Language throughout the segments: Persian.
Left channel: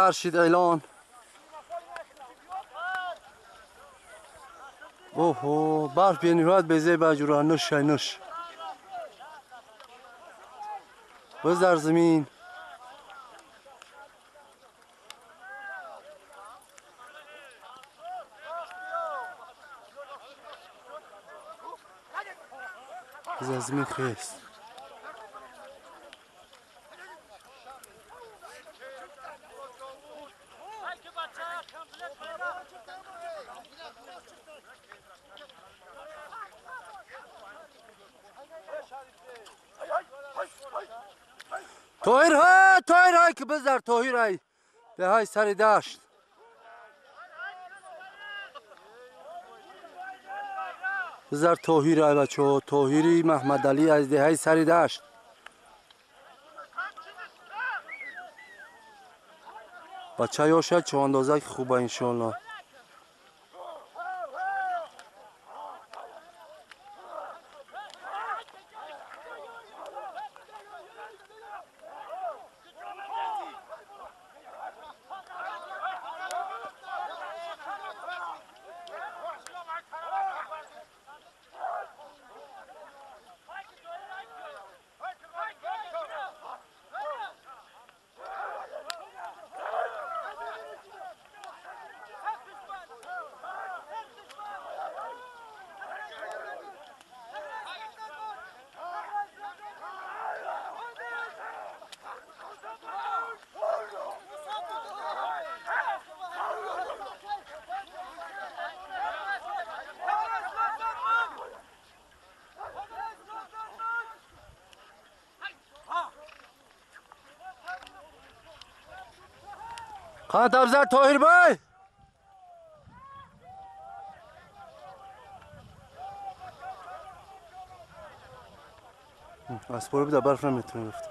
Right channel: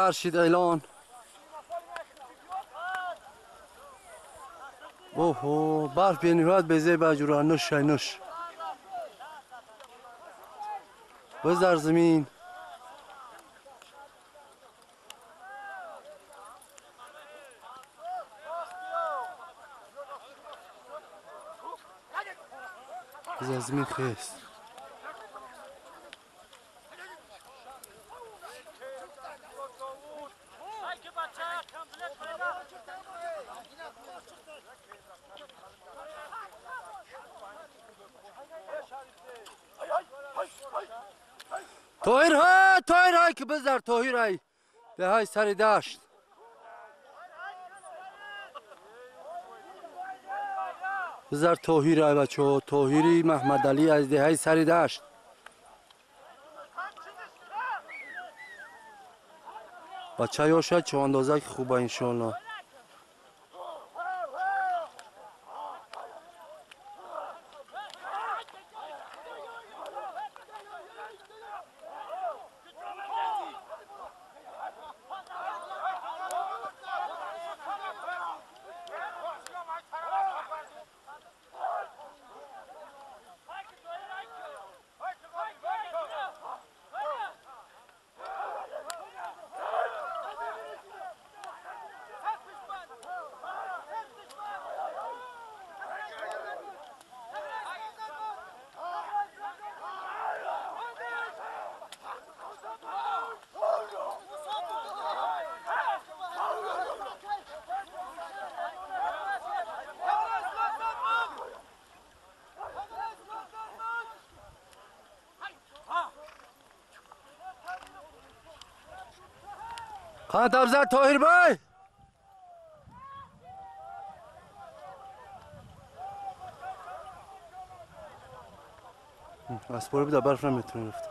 فرشید اعلان. اوه برف بینیواد بزی بجورا نش نش بزر زمین. بزر زمین خیست. توهیر های که بزر توهیر های به های سری داشت. بزر توهیر های بچه توهیری محمد علی از ده های سری داشت. بچه ها شاید چه اندازه که خوبه انشالله. خانه تبزر توهیر بای اسپورو بیده برف نمیتونه رفت.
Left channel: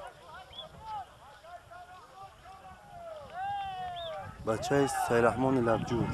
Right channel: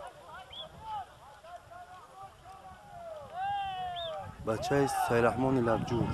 بچه سیرحمان لبجور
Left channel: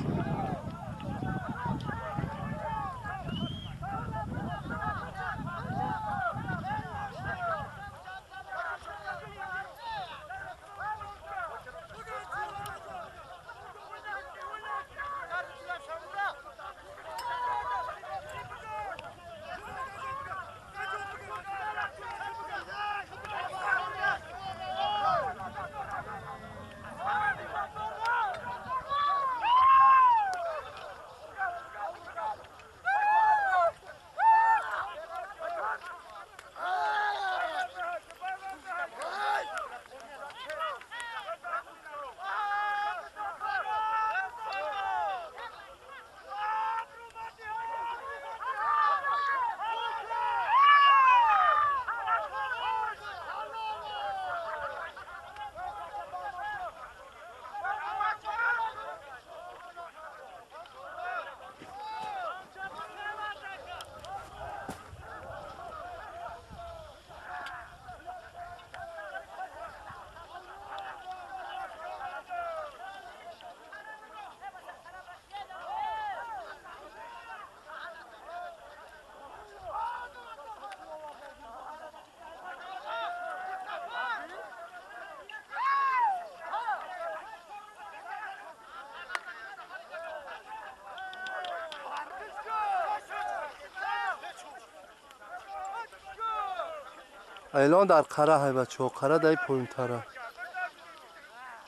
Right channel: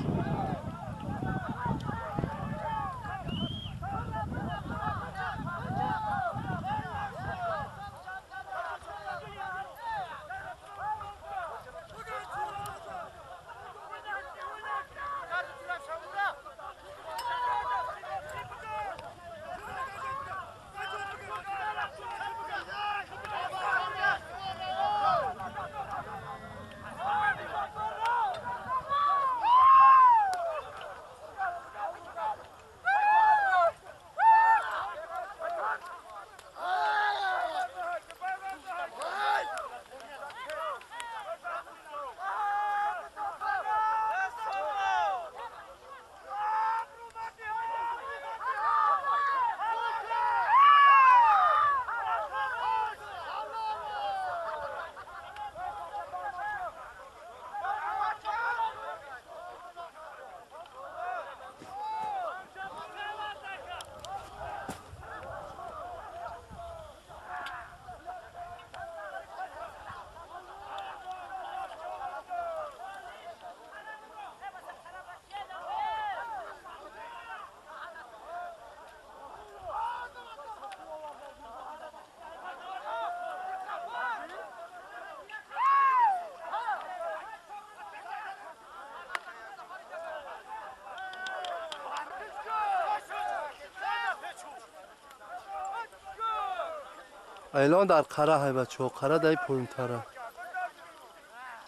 اعلان در قره های بچه ها. قره دای پایین تره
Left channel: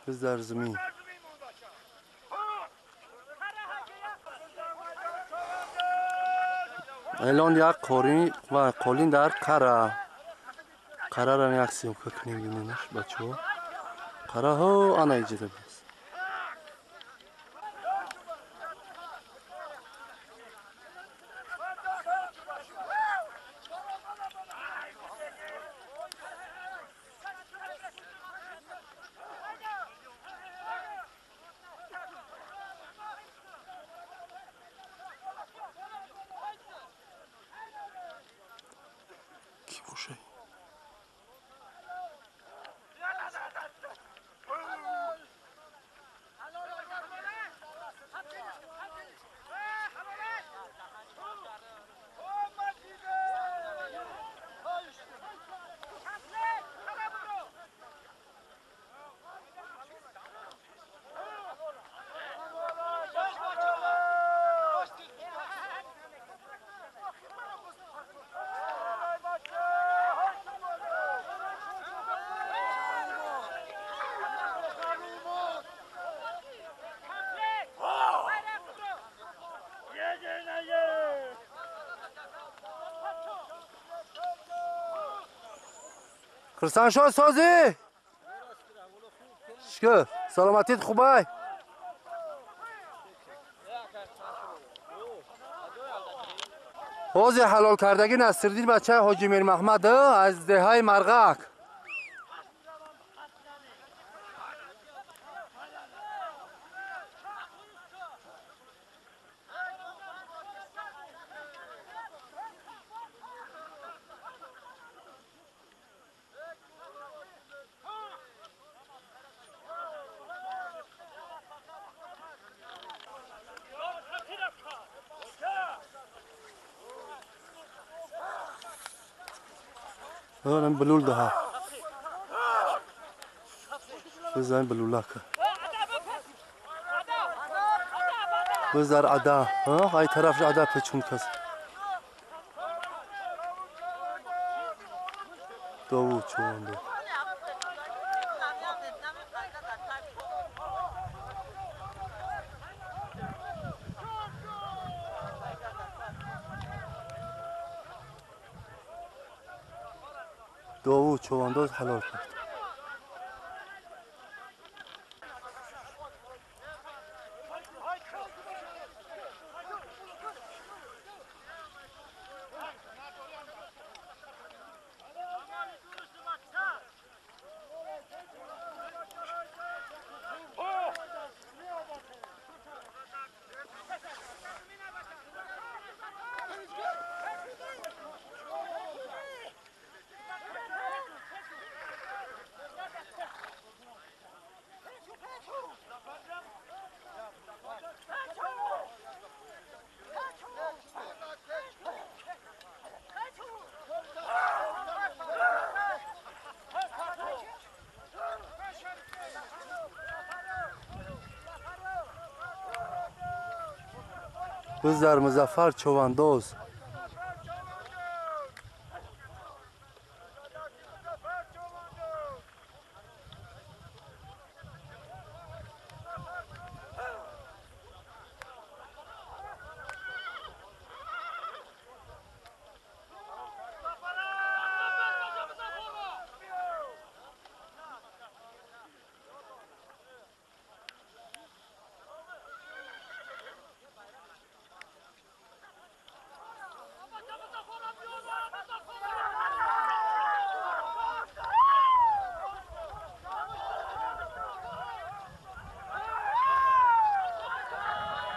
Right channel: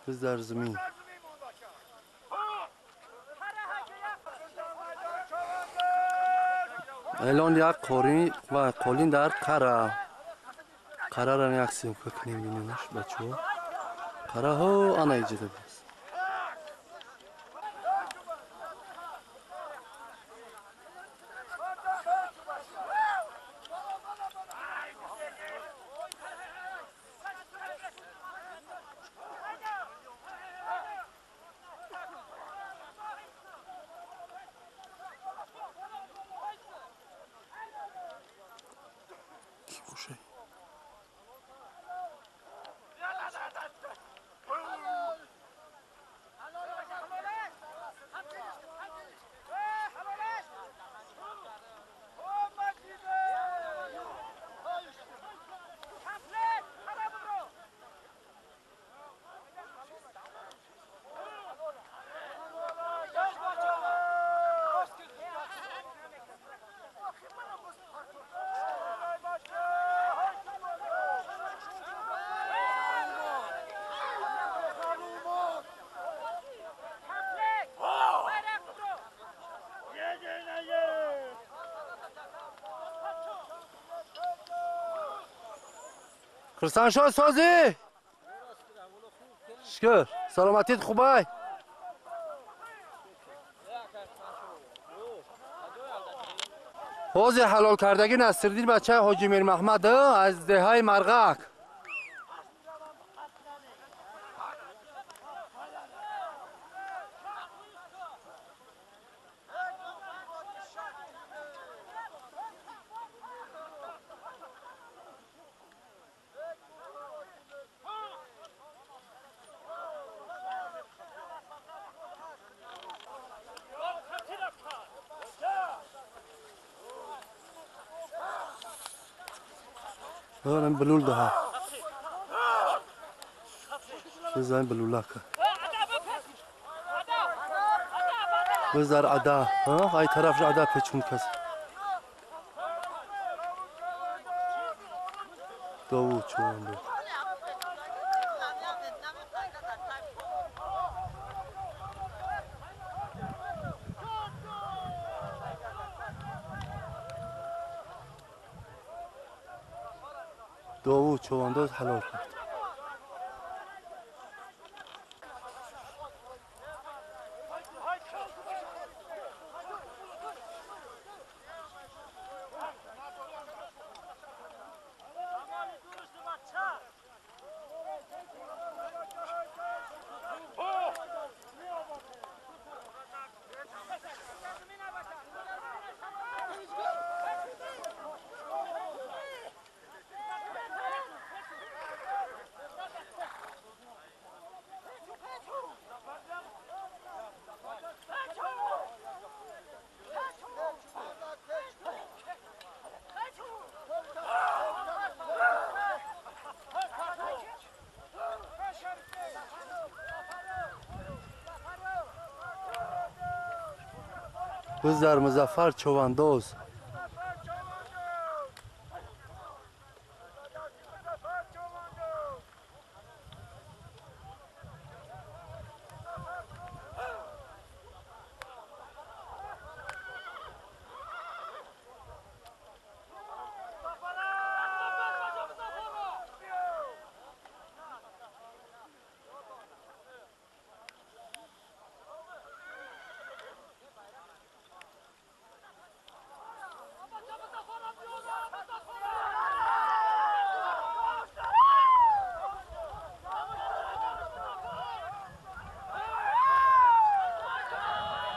بز در زمین. اعلان یک قولین در قره. قره را یک سیم که کنیم بینیمش بچه ها. قره ها آنه ایجاده بس. باشه خرسان شو سازی شکر سلامتیت خوبه حوض حلال کردگی نصرالدین بچه حاجی میر محمد از دههای مرغک دارم بلول ده بزن بلوله که بزر عدا های طرف عدا پیچون کس داوود چون دو داوود چوانداز حلال کرد بزر مظفر چوانداز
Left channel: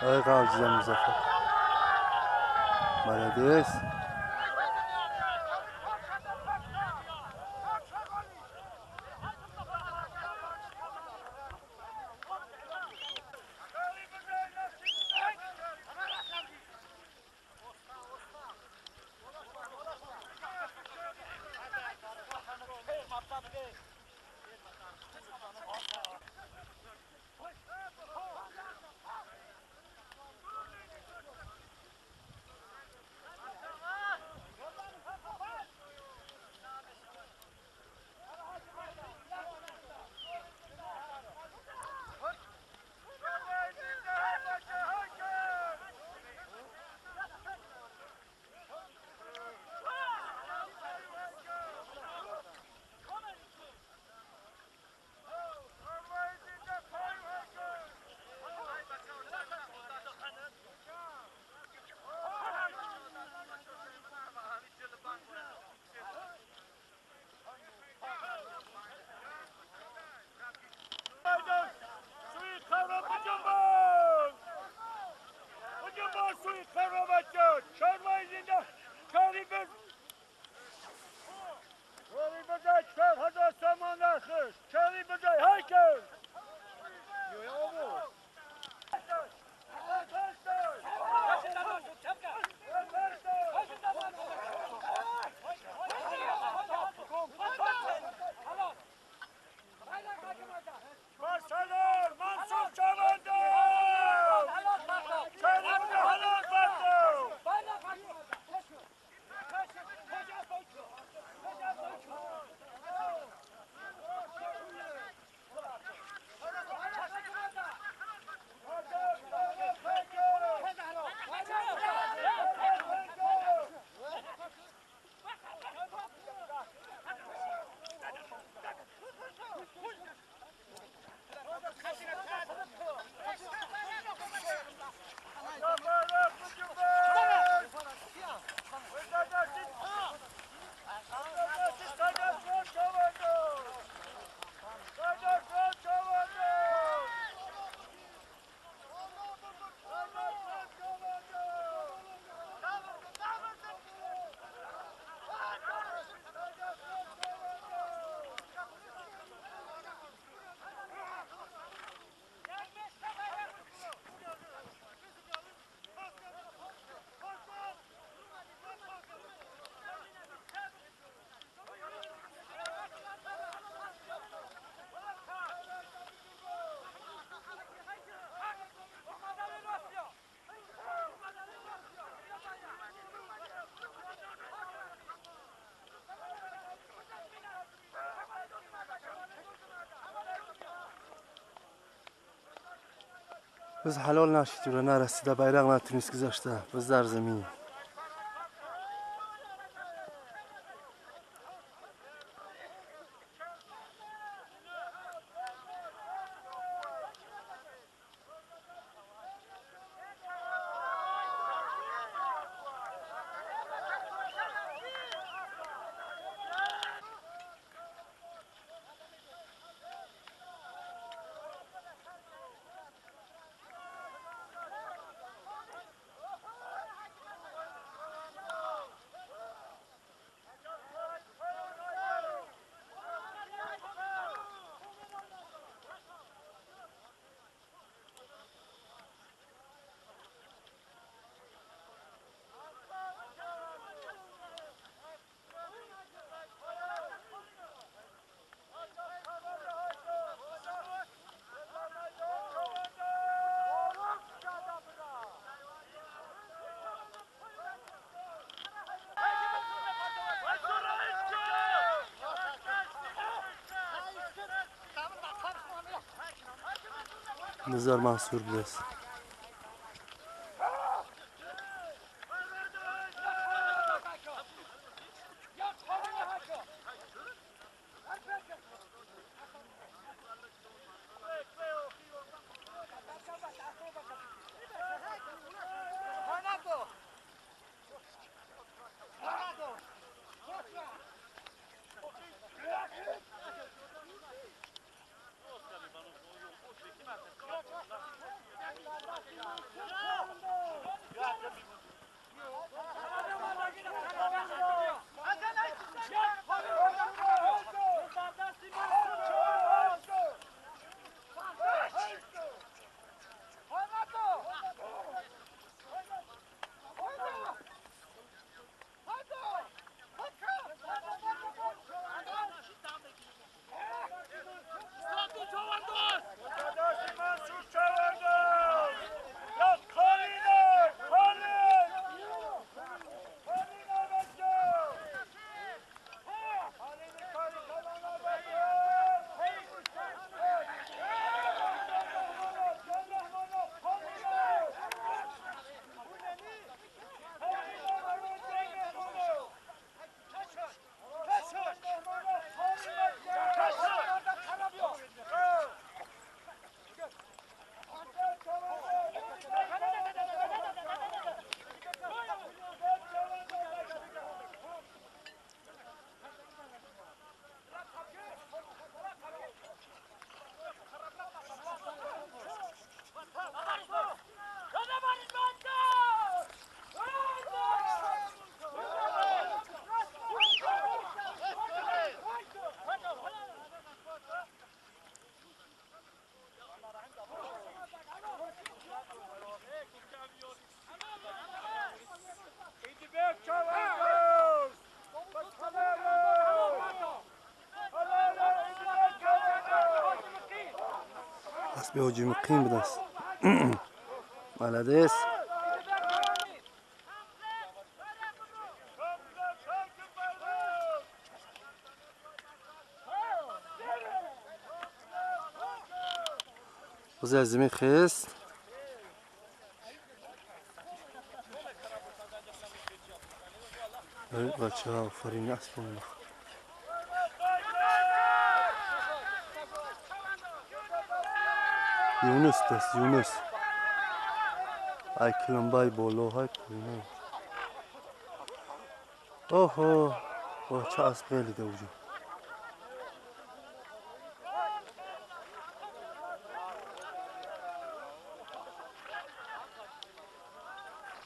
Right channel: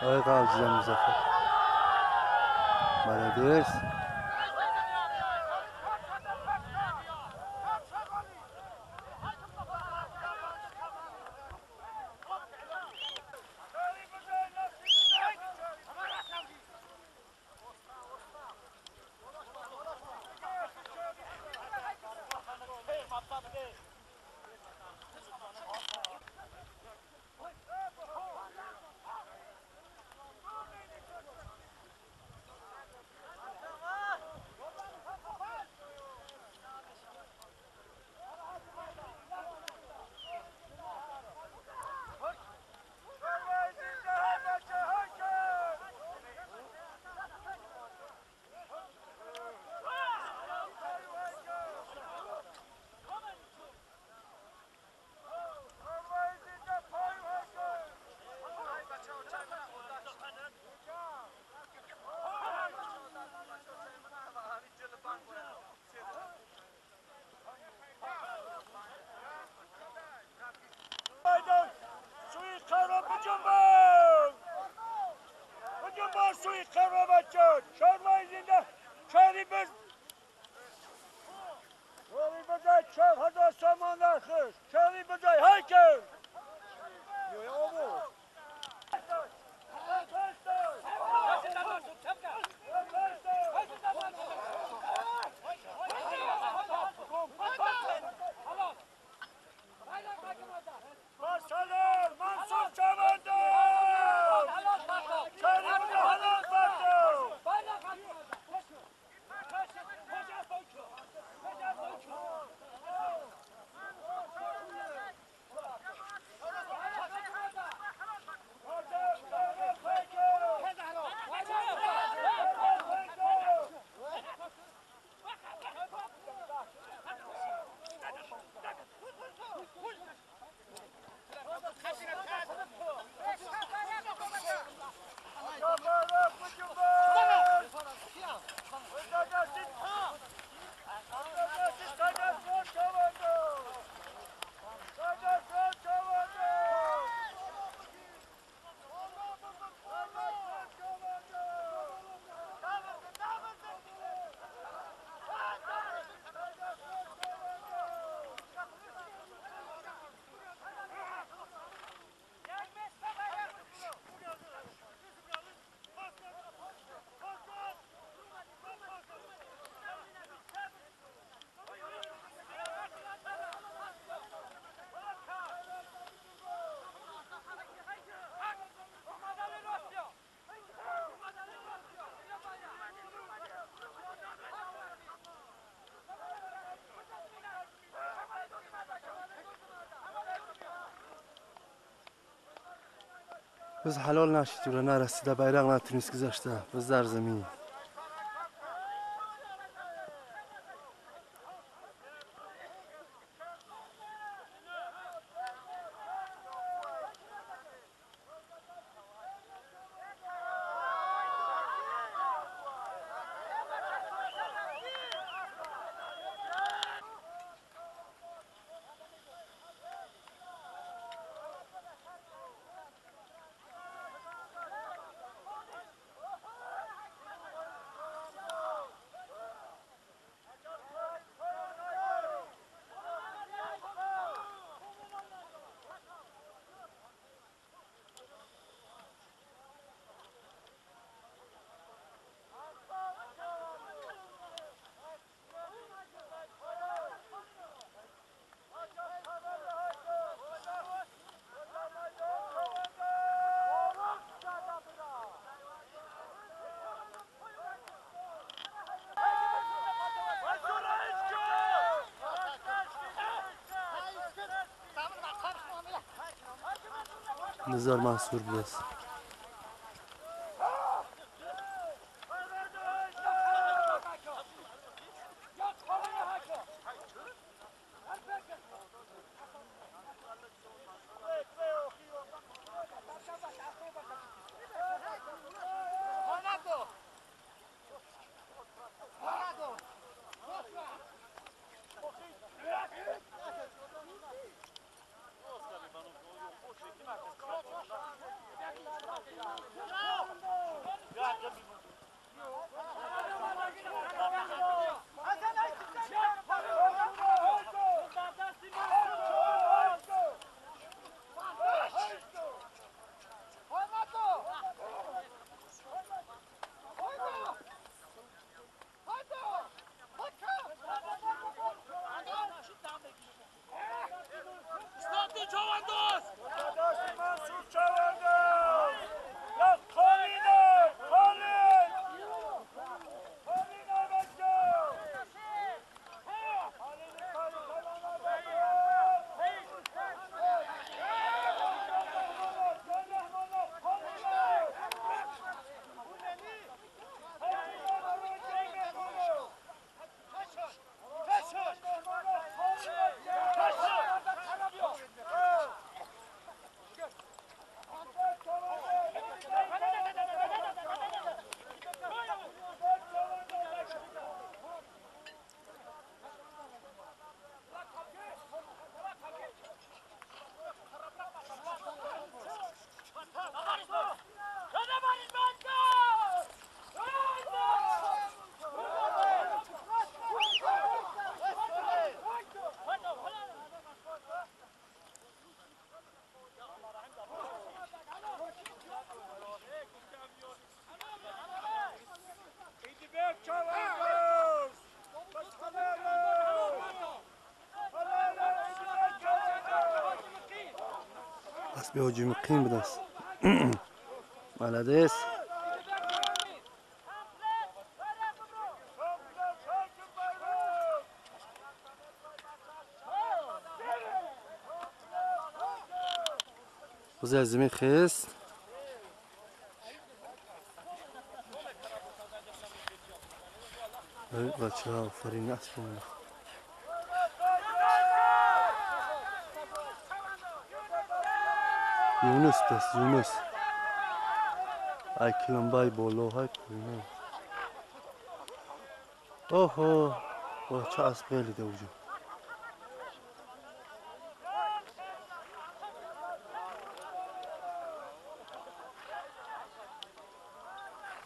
ای قابل مظفر بلدیس بز حلال نشید و نرسیده بیرق نتونست گذاشته بز در زمین. نزار منصور بدست. به هجوم قیم بدست. مالدیس. وزیر زمین خیست. بچه ها فرین اسب بمونه. یونس دست یونس. ای کلمبای بالا های پایینه. اوه چه اسب خیلی ده اوجا.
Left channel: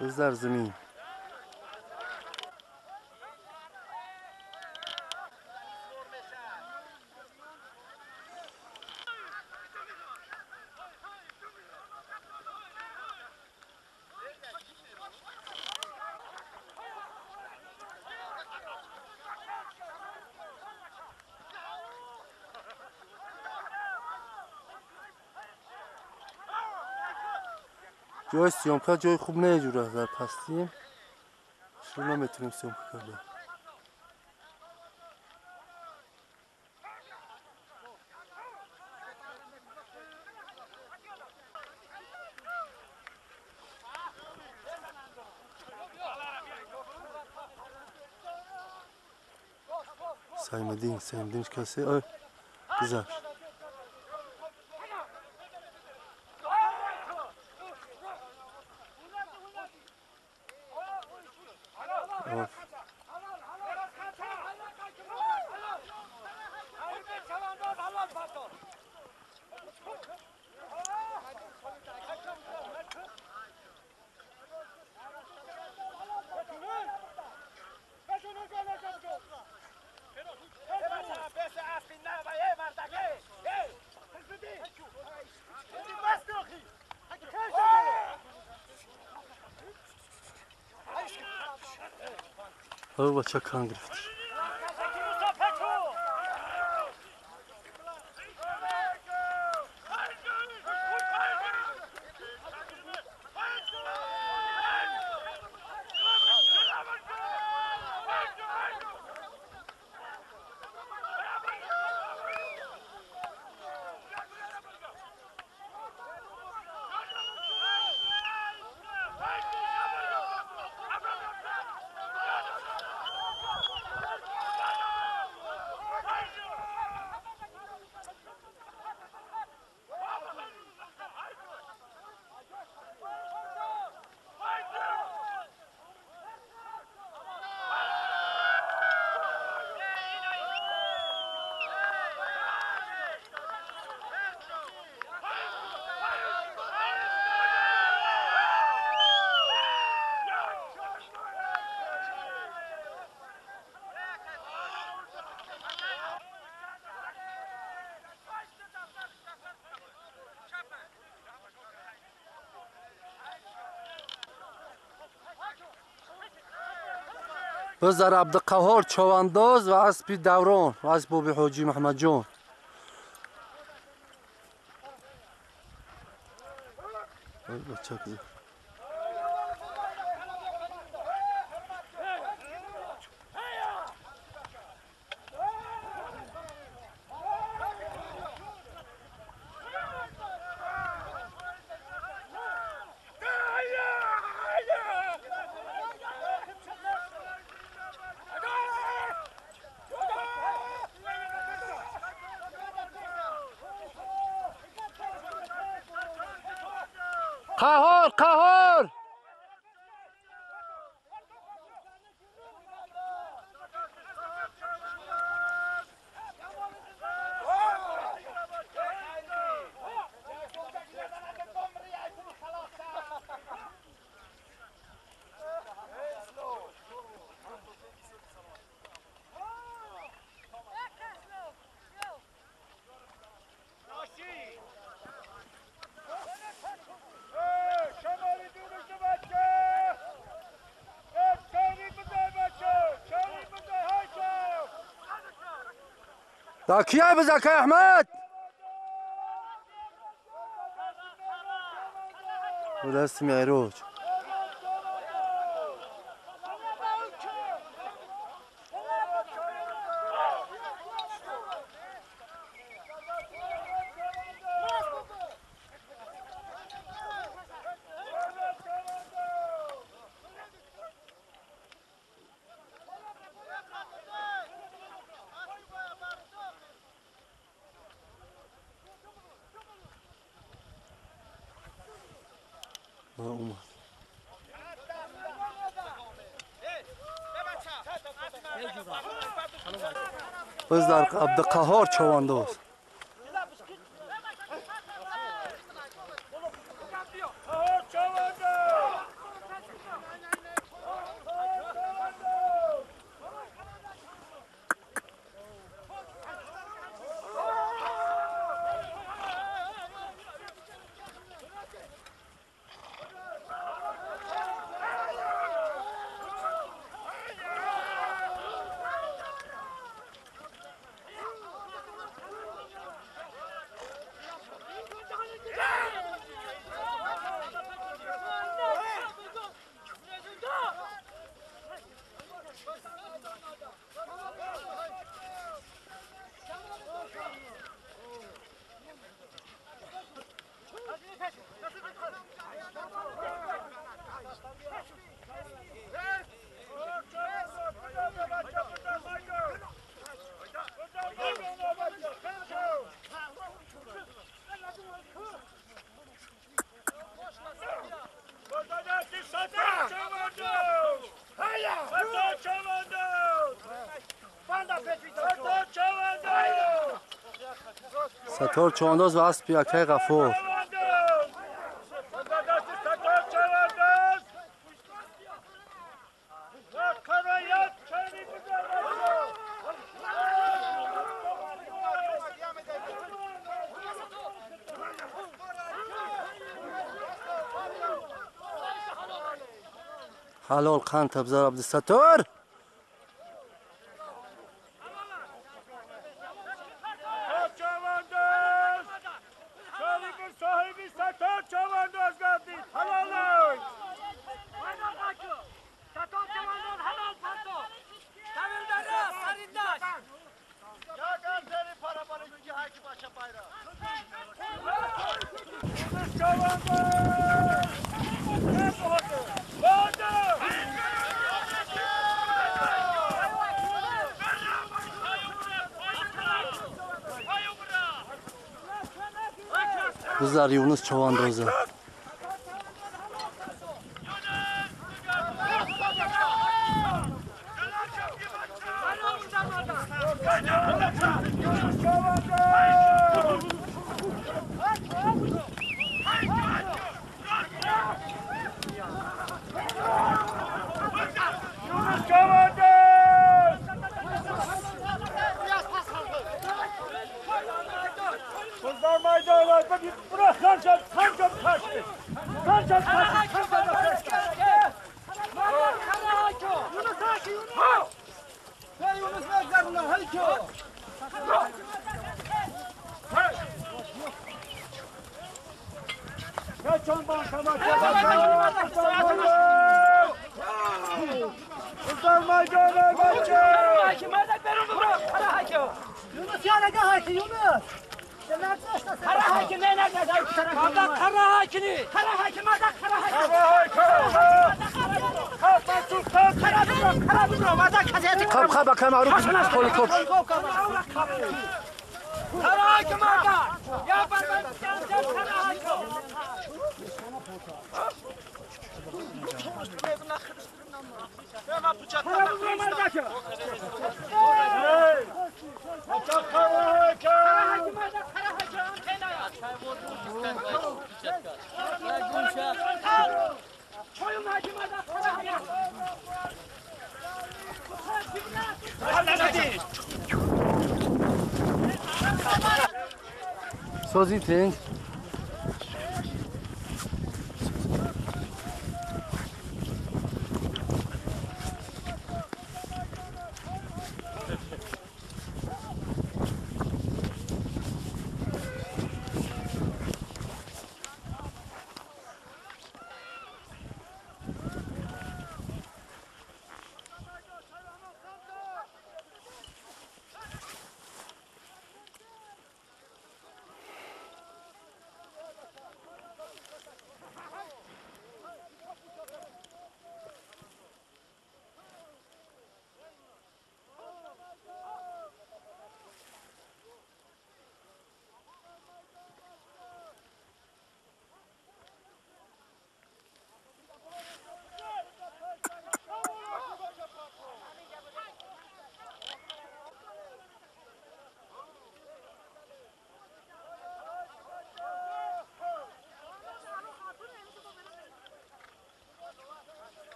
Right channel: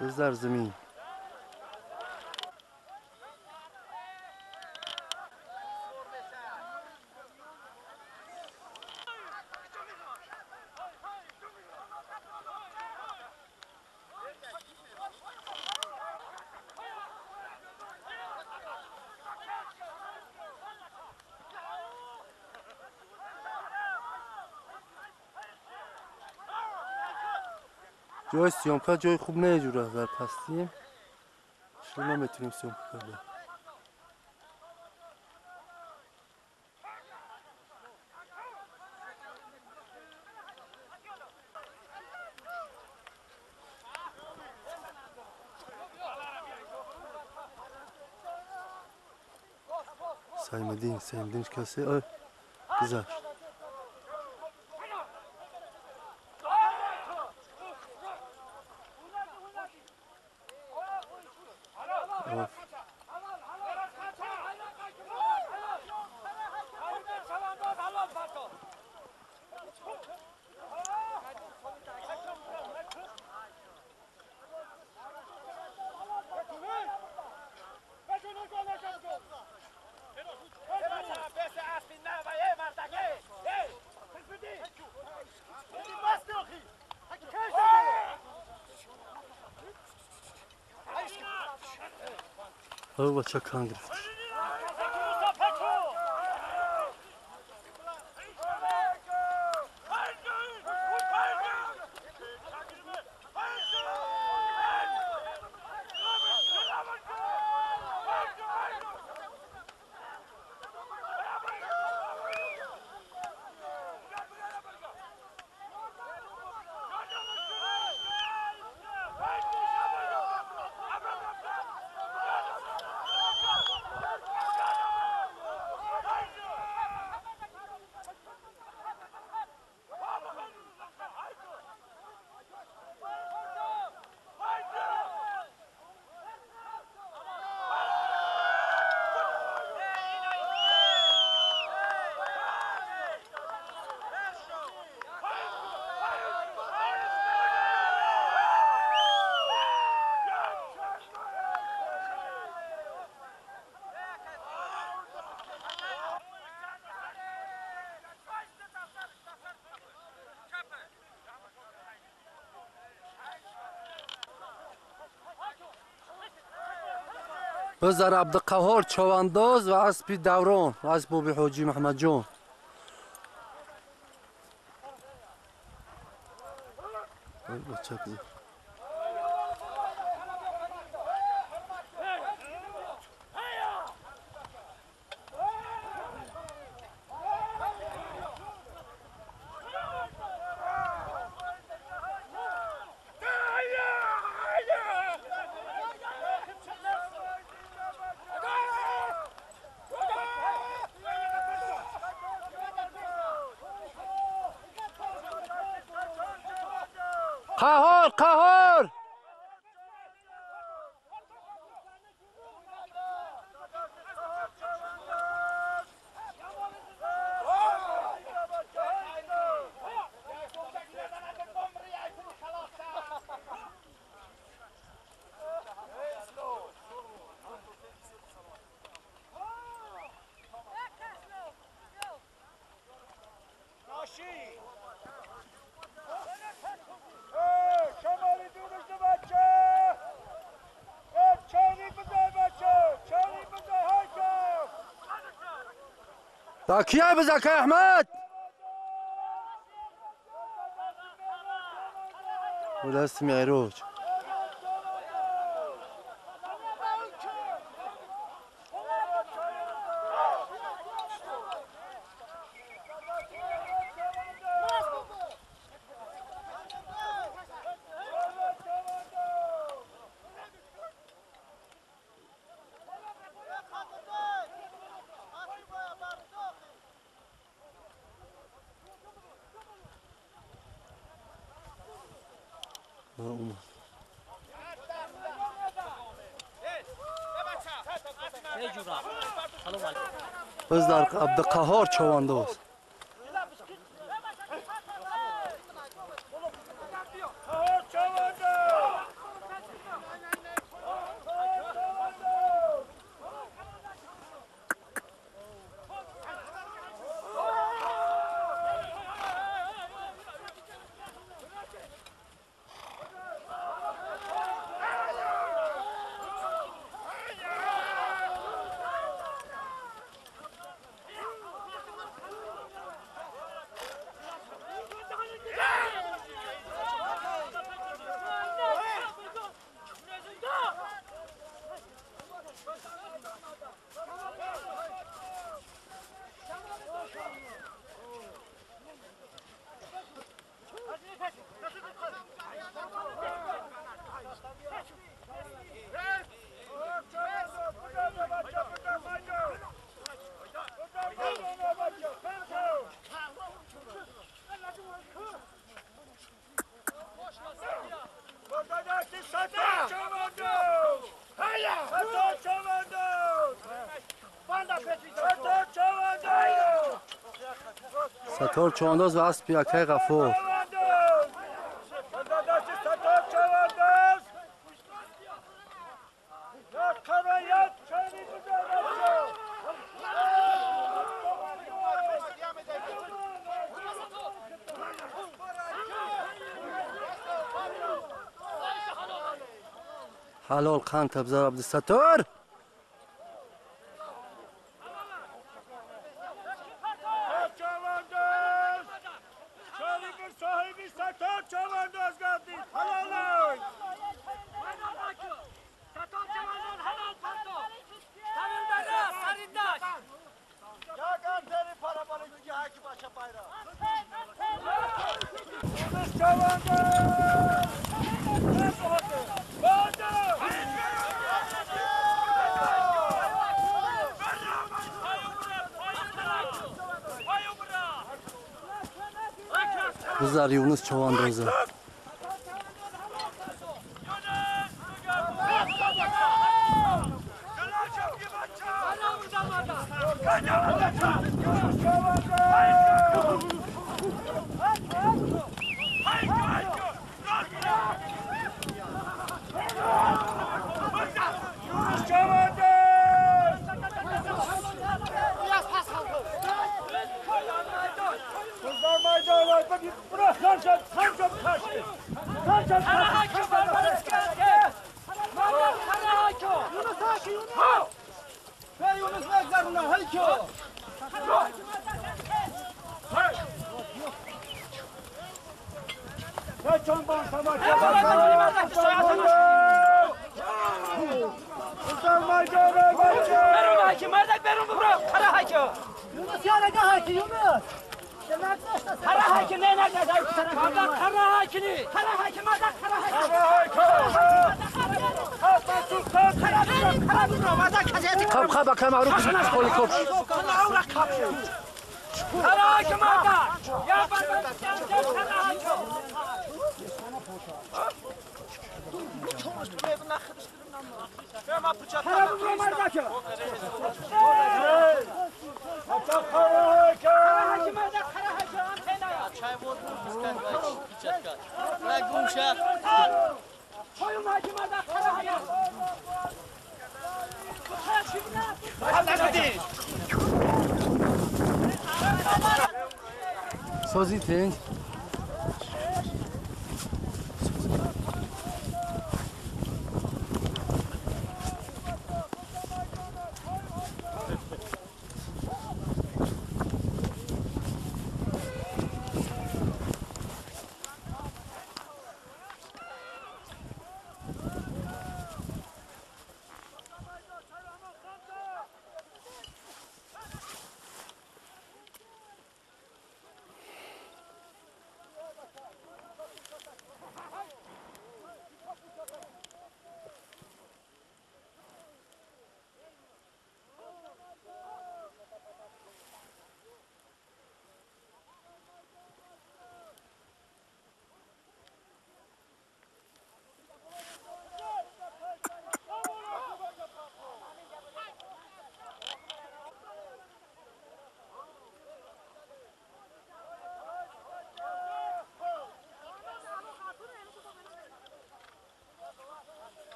بز در زمین. جای سیامکا جای خوب نه جوره در پستیم شروع نمیتونیم سیامکا کرده. Saymadığınız kase güzel. Of. Hava çakan griftir. بزر عبدالقهار چوانداز و اسبی دوران و اسب بابی حاجی محمد جان. بچه کزر قهار قهار دا کیه بزکه احمد و دست معروج بزر عبدالقهار چوانداز ستار چوانداز و اسب یکه غفور. حلال قند تبزر عبد الستار. Kızlar Yunus çavandozı. خب بکن معروف کلی کپش سازی تنگ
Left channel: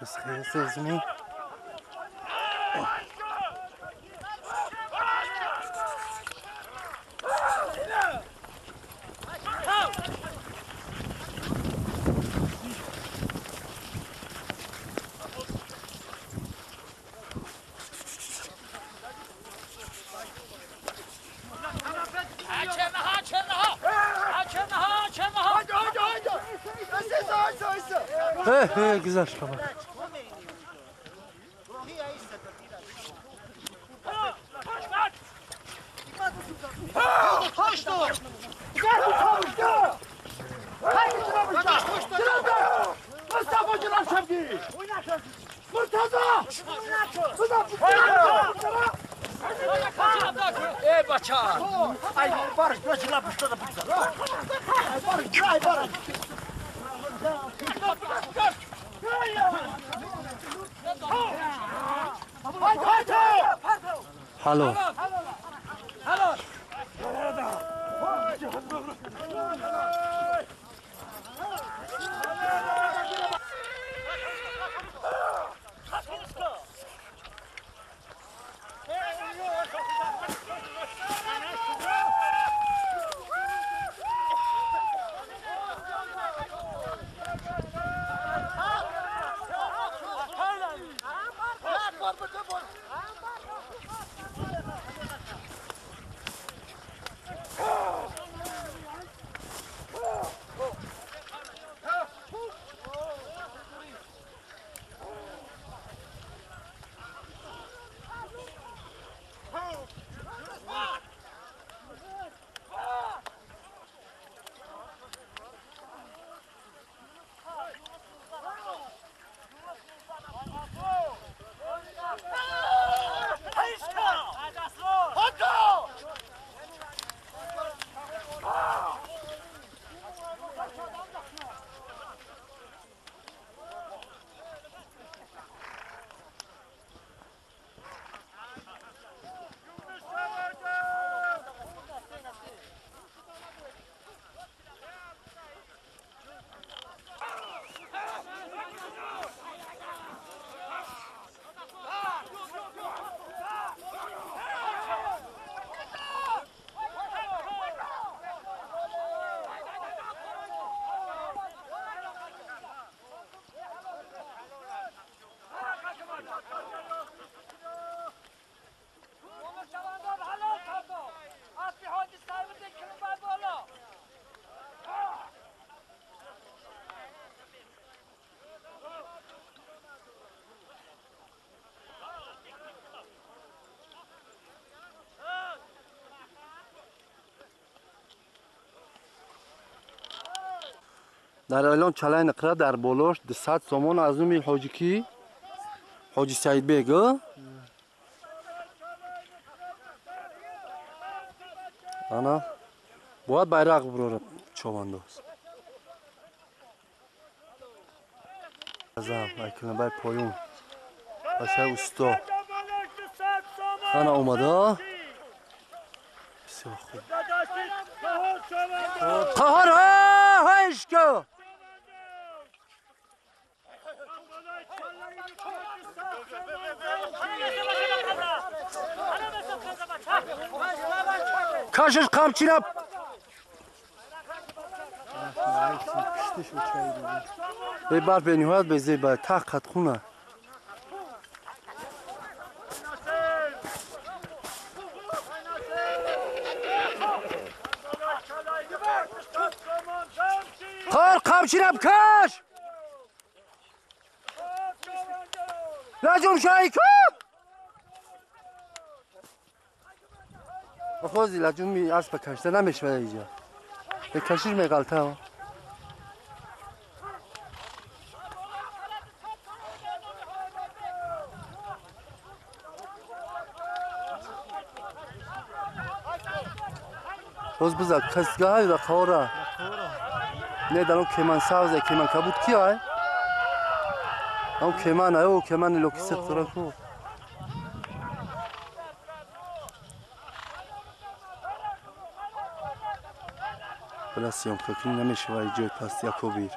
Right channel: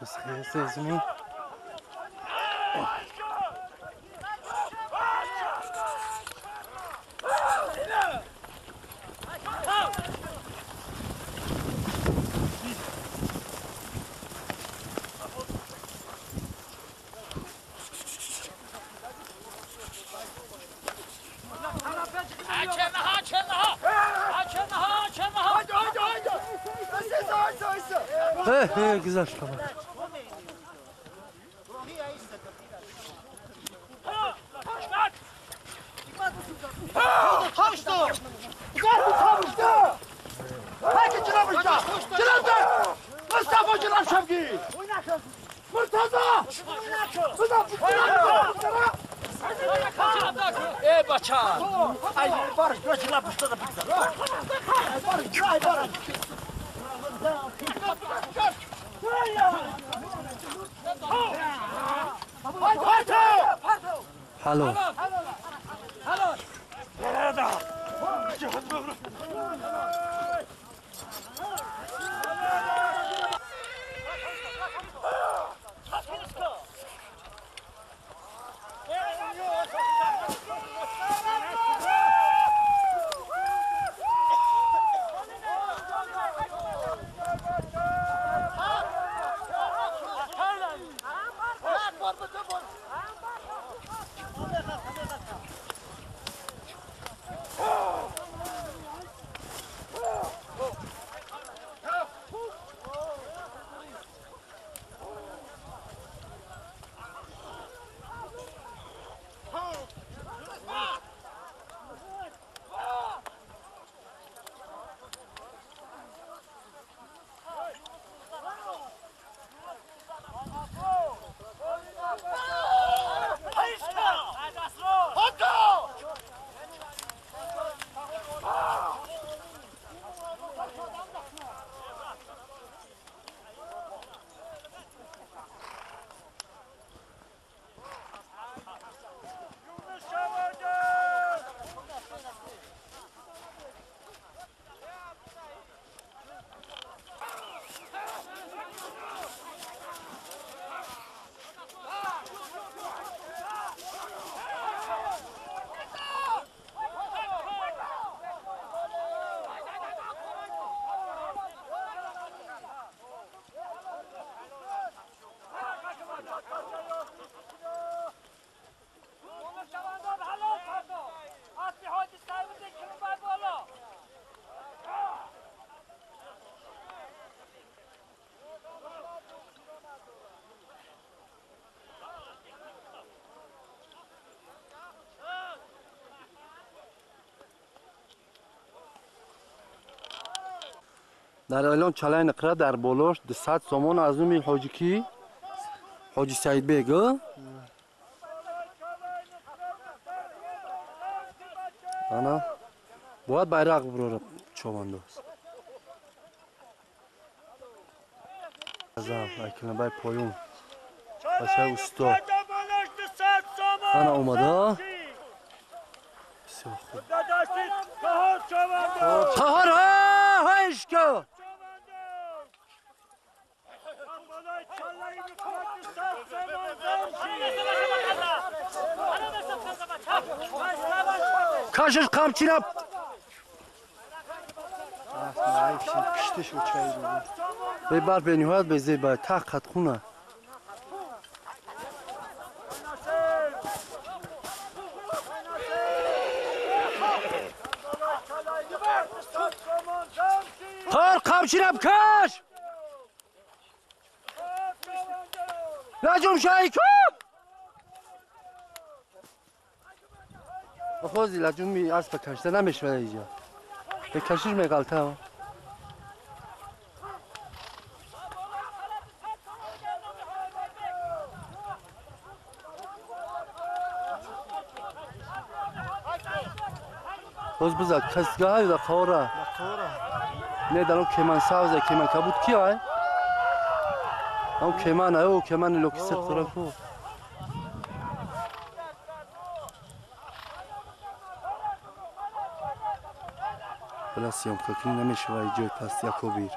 بس خیلی زمین güzel tamam. Ey bacan! Ay barış, göç la pışta da pizza. Ay barış, ay barış. حلو Halo. در الان چلای نقره در بالاش 200 سامان از اون حاجی کی؟ حاجی سعید بیگه؟ انا باید bayrak برورم چوانداز ازم ایکنه بای پایون باشه استا انا اومده بسیار خوب تهار ها اشکا کاشش قمچی نب به بار به نهایت به زیبا تاقت خونه کار قمچی نب کاش لجوم شایی کو بخوزی لجومی اسب کشته نمیشه اینجا به کشیر میگلته ها باز بزد کسگاه های در خوره نه در اون کمان سوزه کمان کبود کی های؟ اون کمان های او کمان لوکی سختره کو بلا سیام ککنی نمیشه وای جای پس یکو بیر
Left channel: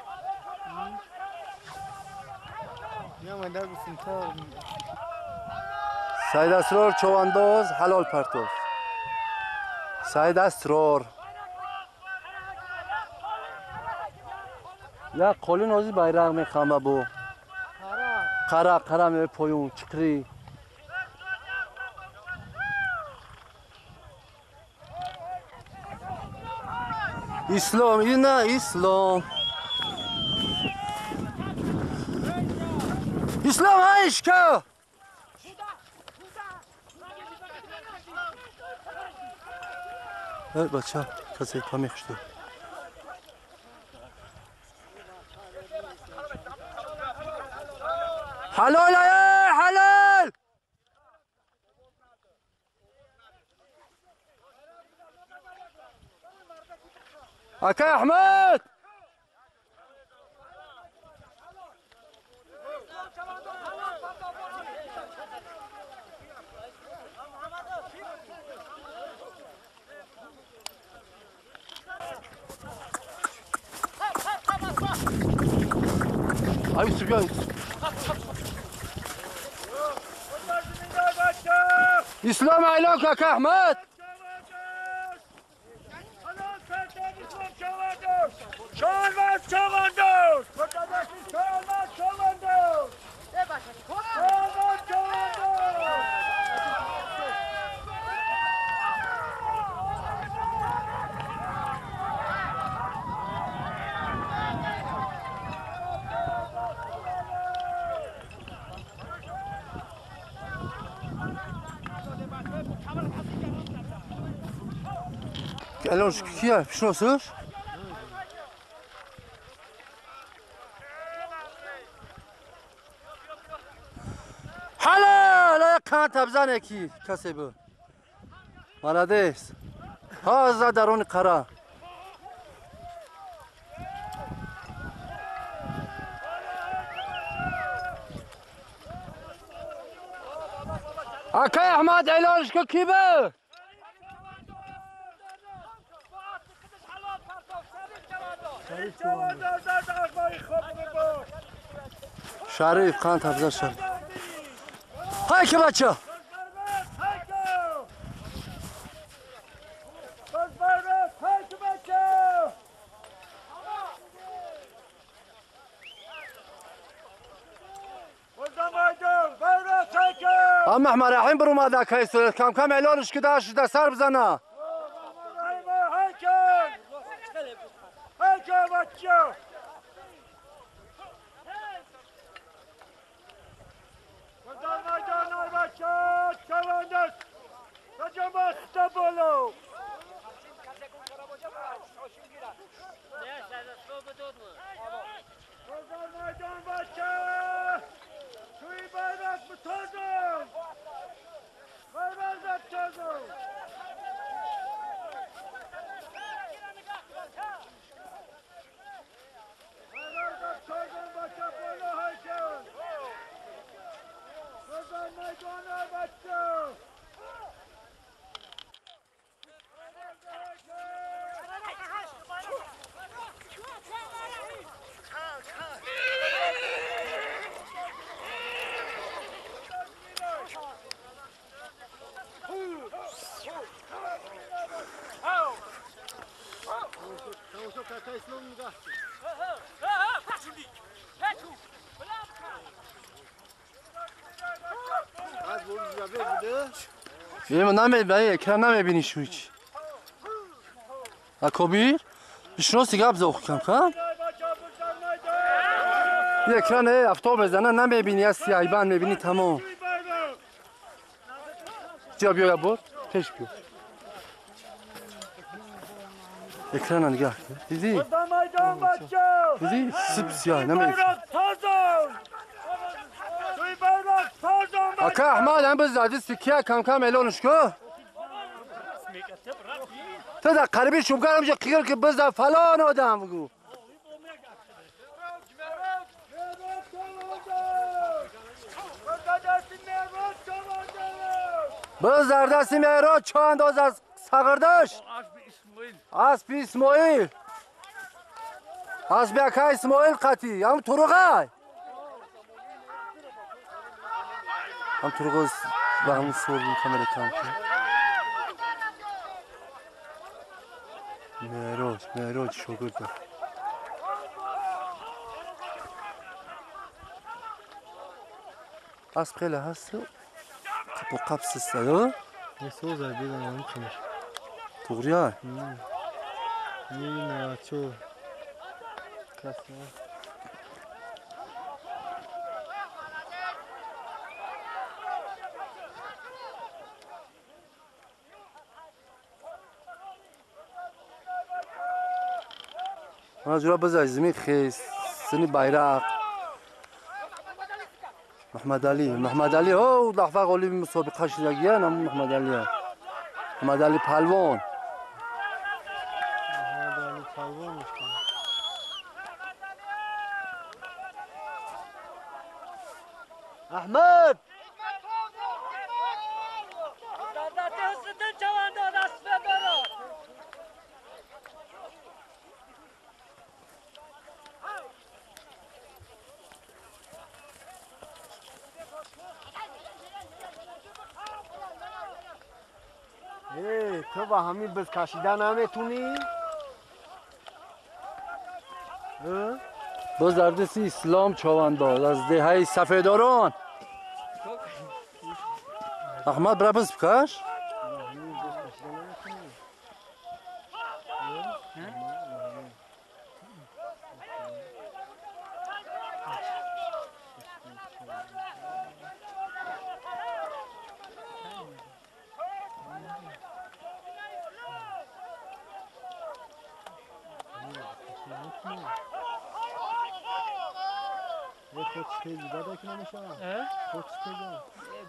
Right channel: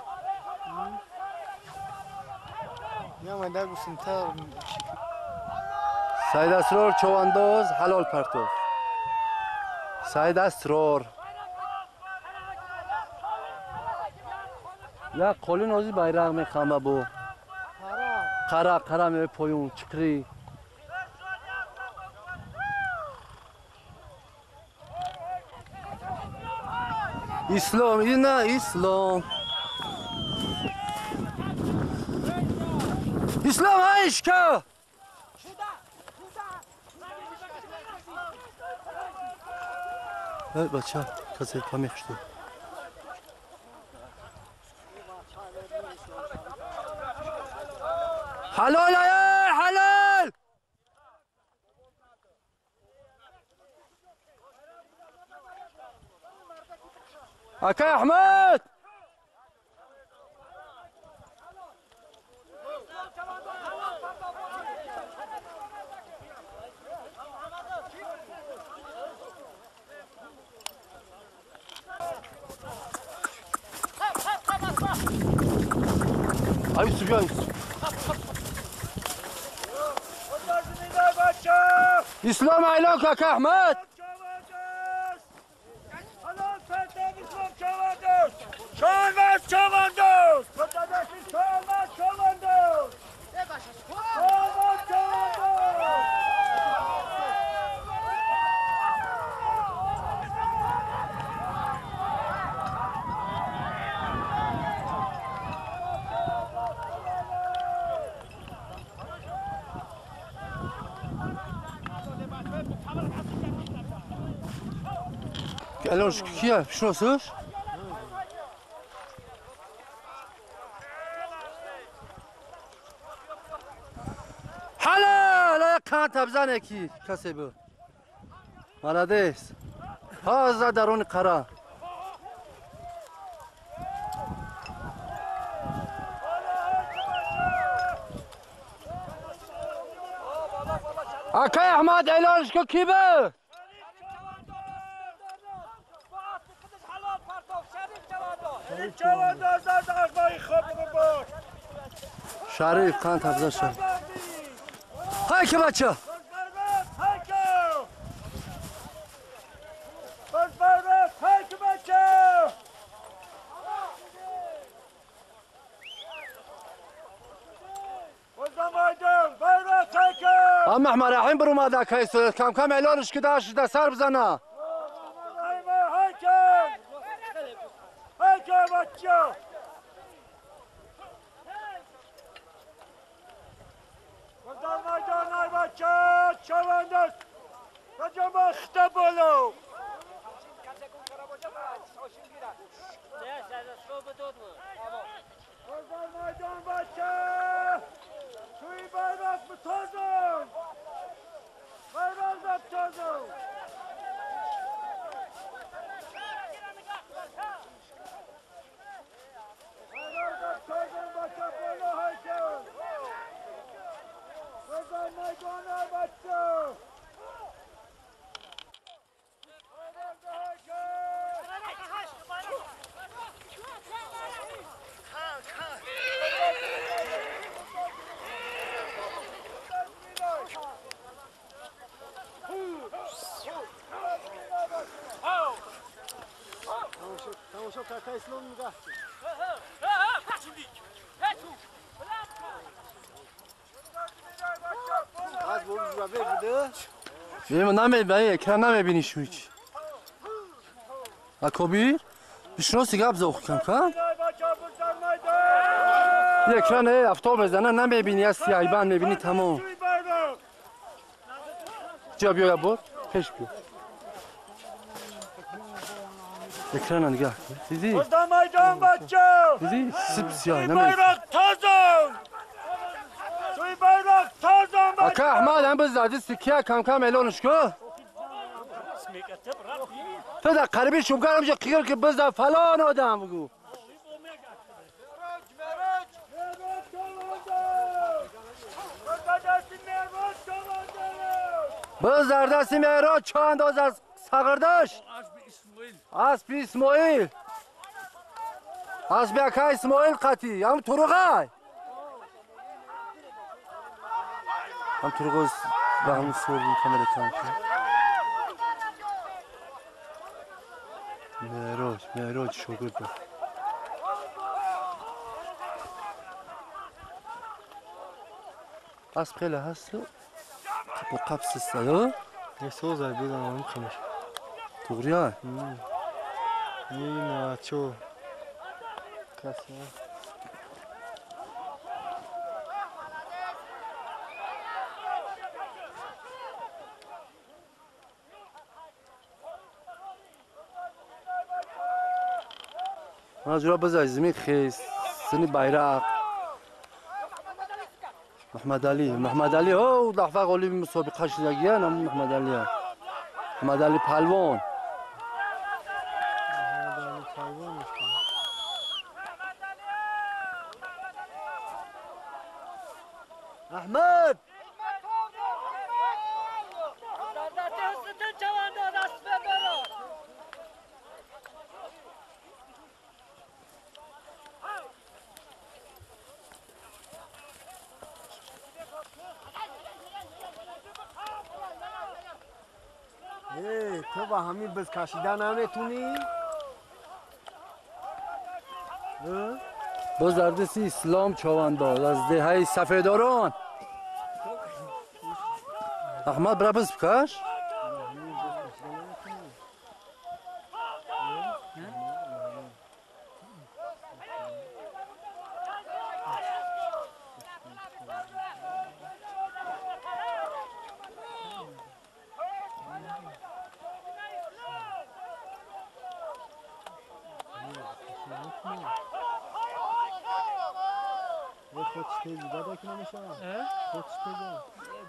سعید اسرار چوانداز حلال پرتوف سعید اسرار یا قولی نازی bayrak میخوامه بو قره می پایون چکری اسلام این نه اسلام اسلام هایش که بچه کسی پا میخشتو حلال حلال اکا احمد Ay Yusuf ya Yusuf. İslam aylak kaka Ahmet. Çoğundoz. الان کیه؟ شناسش؟ حالا کان تبزنه کی کسی بود مالادیس ها از درون قرار اکای احمد اعلانش که کی بود شریف خان تبزر شریف های که بچه اما احمد رايحين برو ما ذاك هي كم اعلانش كده ده سر بزنه Meydan başı! Suyu bayrak mı tozum? Bayrak da tozum! Bayrak da tozum başa böyle haşın! Sözler meydana başı! Bayrak da haşın! Tamaşa kaka İslam mı kaçtı? Az vurdu da verdi. Benim name ekran name bini şu hiç. Akobir. بشنو سیگار بزاخ کم کم یه اکران افتاب بزنه نمیبینی از سیایبان میبینی تمام جا بیا یا بود پیش بیا اکران نگاه دیدی دیدی سب سیاه نمیبینی اکا احمد هم بزدی سکیه کم کم الانش که تو در قریبی شمکرم جا قیر که بزد فلان آدم بگو بزد دستی مهراد چه انداز از سقردش اسب اسماعیل اسب اکا اسماعیل قطی هم تروغای هم تروغای و همون سوردیم کامل کم کن مهراد شاگرد اسب خیلی هست قب و قبس استاده Ne sozar bir zaman kımır. توغریه Ne ço. Klasma. ماجرا بزای زمین خیس سنی bayrak محمد علی او دفعه قولی مسابقه شدگی هم محمد علی پلوان Ahmet! تو با همین بز کشیدن نمیتونی؟ باز در دست اسلام چوانداز از دهه سفیداران احمد برای بز بکش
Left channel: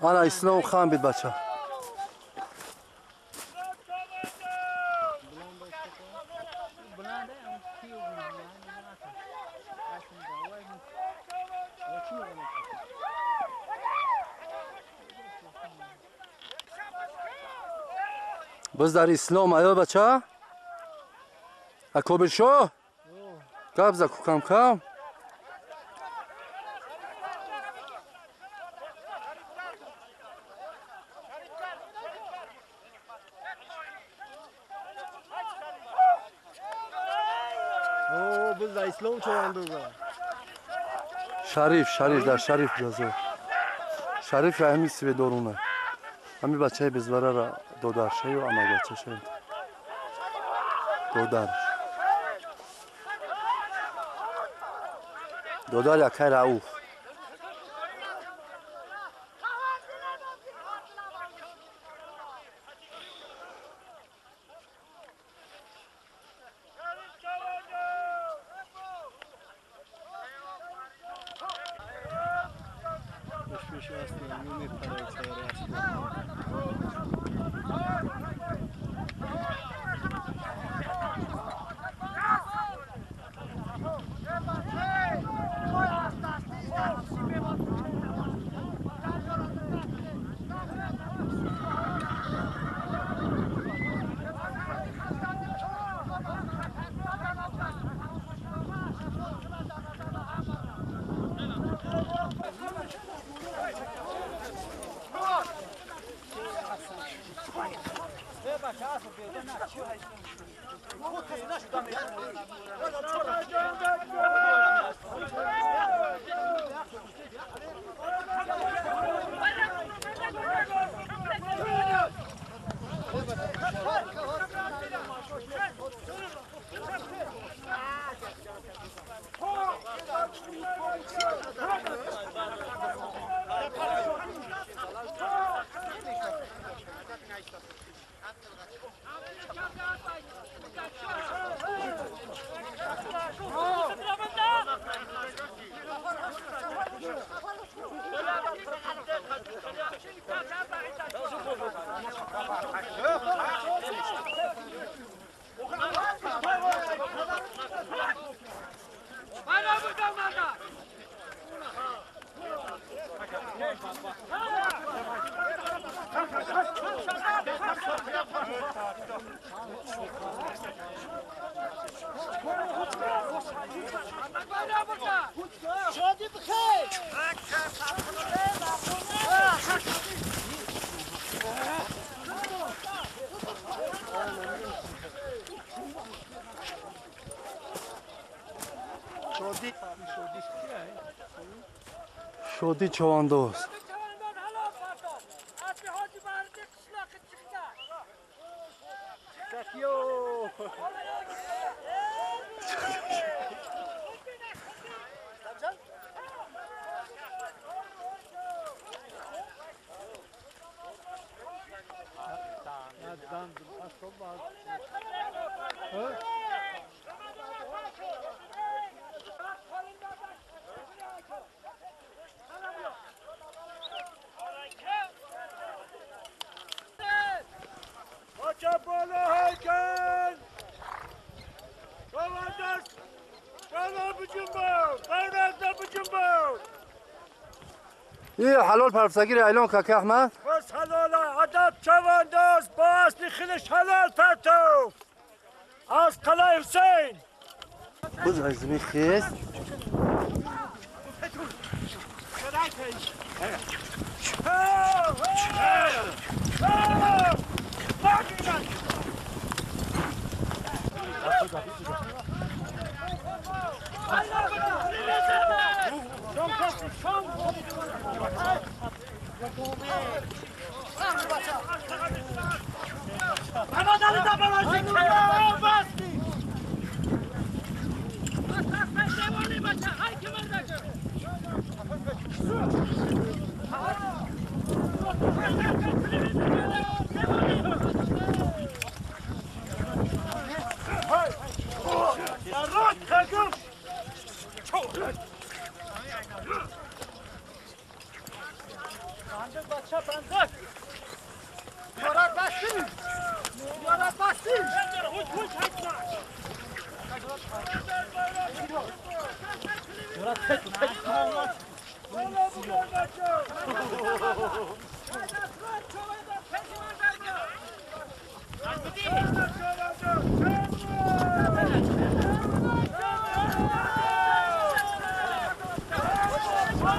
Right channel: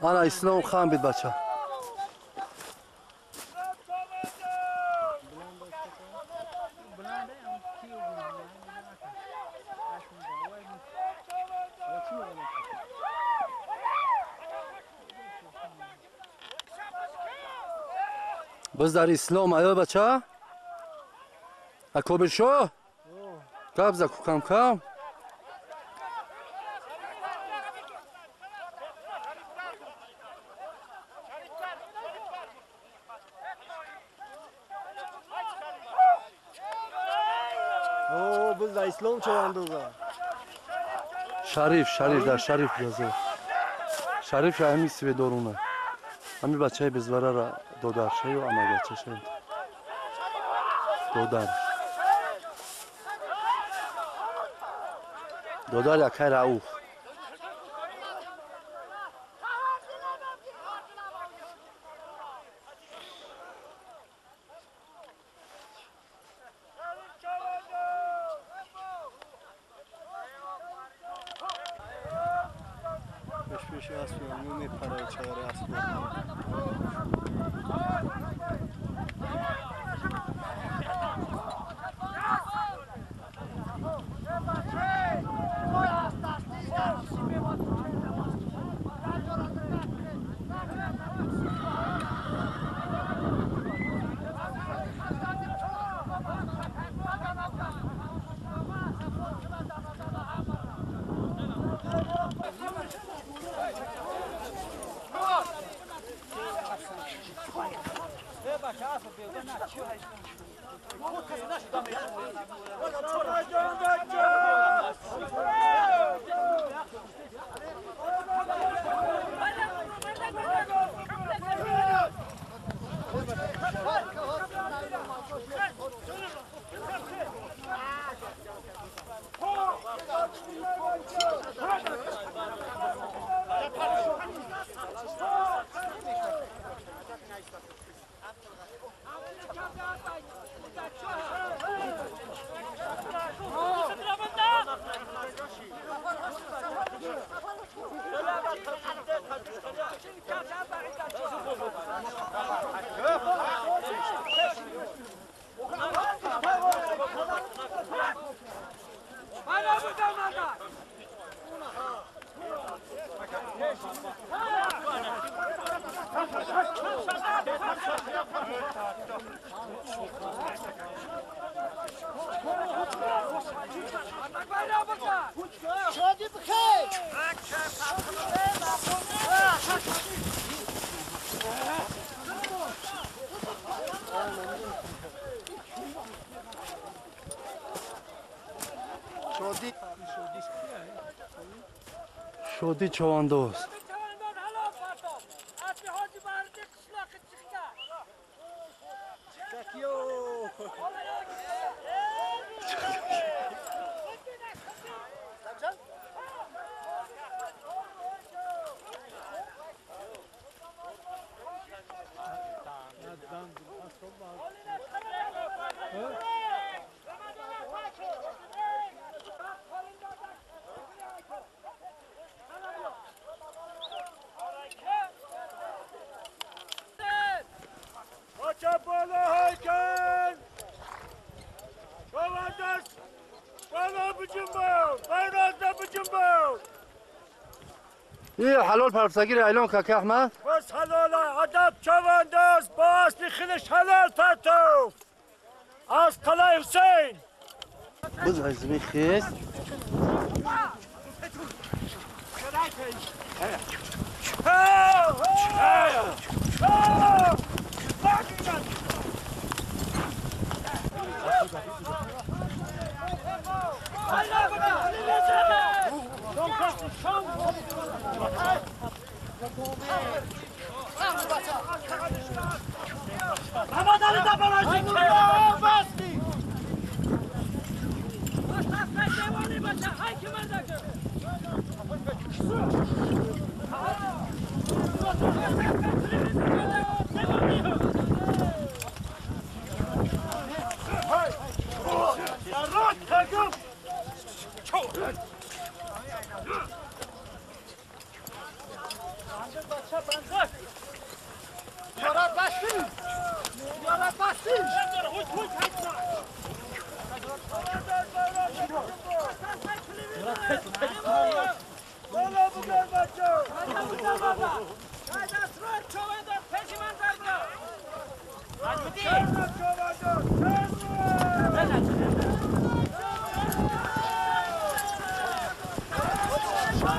انا اسلام خان بید بچه بز در اسلام آیا بچه اکابر شو قبض اکو کم کم Biz de İslam çoğandığı. شریف در شریف جازه شریف همین سی به دورونه همین بچه بزواره را دودار شایی و اما بچه شایی دودار یکی رعوف karaya çayarı aslında. شادی بخیر شادی چوانداز این حلال پرفسگیر ایلان که احمد بس حلاله ادب چوانداز باز بخیلش حلال پرتو از قلعه حسین بز عزمی خیست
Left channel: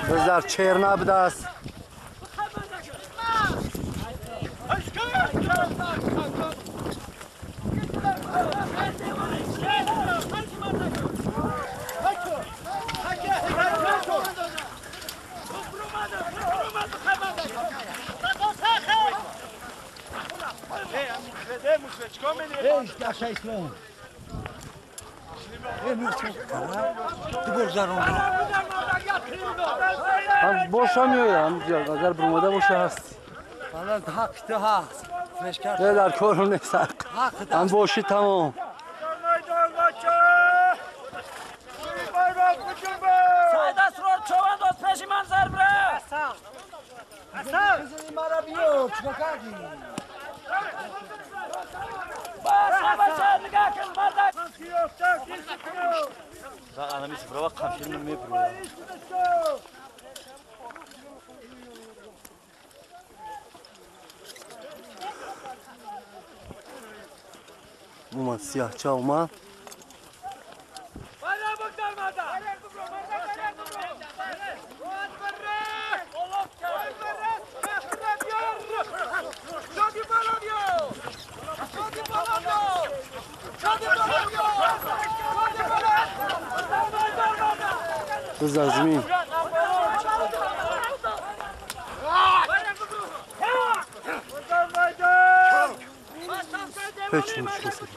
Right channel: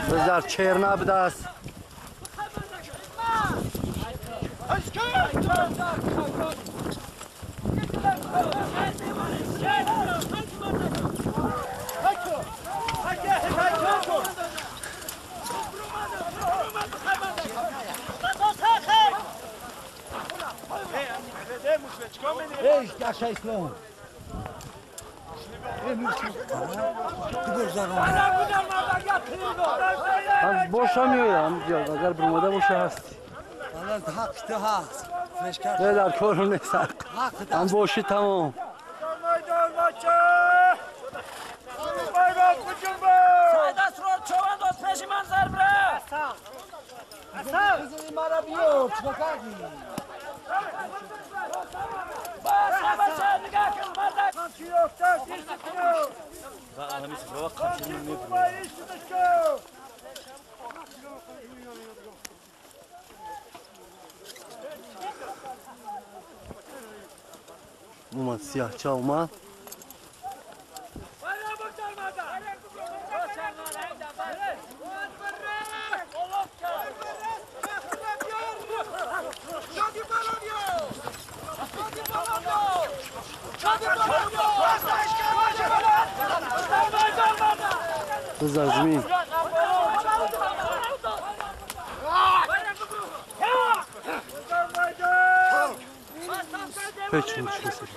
بذار چرنا بدست هم boşamıyor ya amca. Agar burmada boşa hasti. والله حق ده حق مشکل Ne der korum ne sark. Hem boşu tamam. Meydan maçı bayrak bu cumbo Sayda Sror Çoğandos peşiman zarbre. Hasan Uman siyahça uman. Kız Azmi. Peki, uçmasın.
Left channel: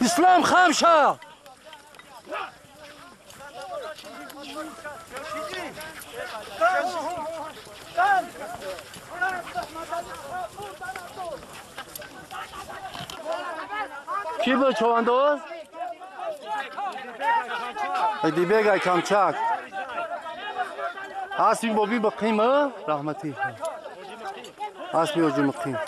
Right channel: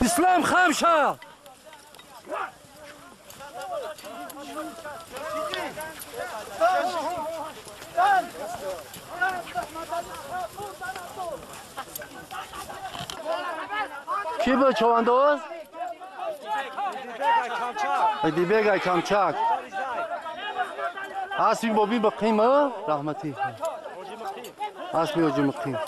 İslam Hamşa. Ki bu çovandoz? Haydi begay kamçak. Asmi bobi bakayım ha rahmeti. Asmi hocam bakayım.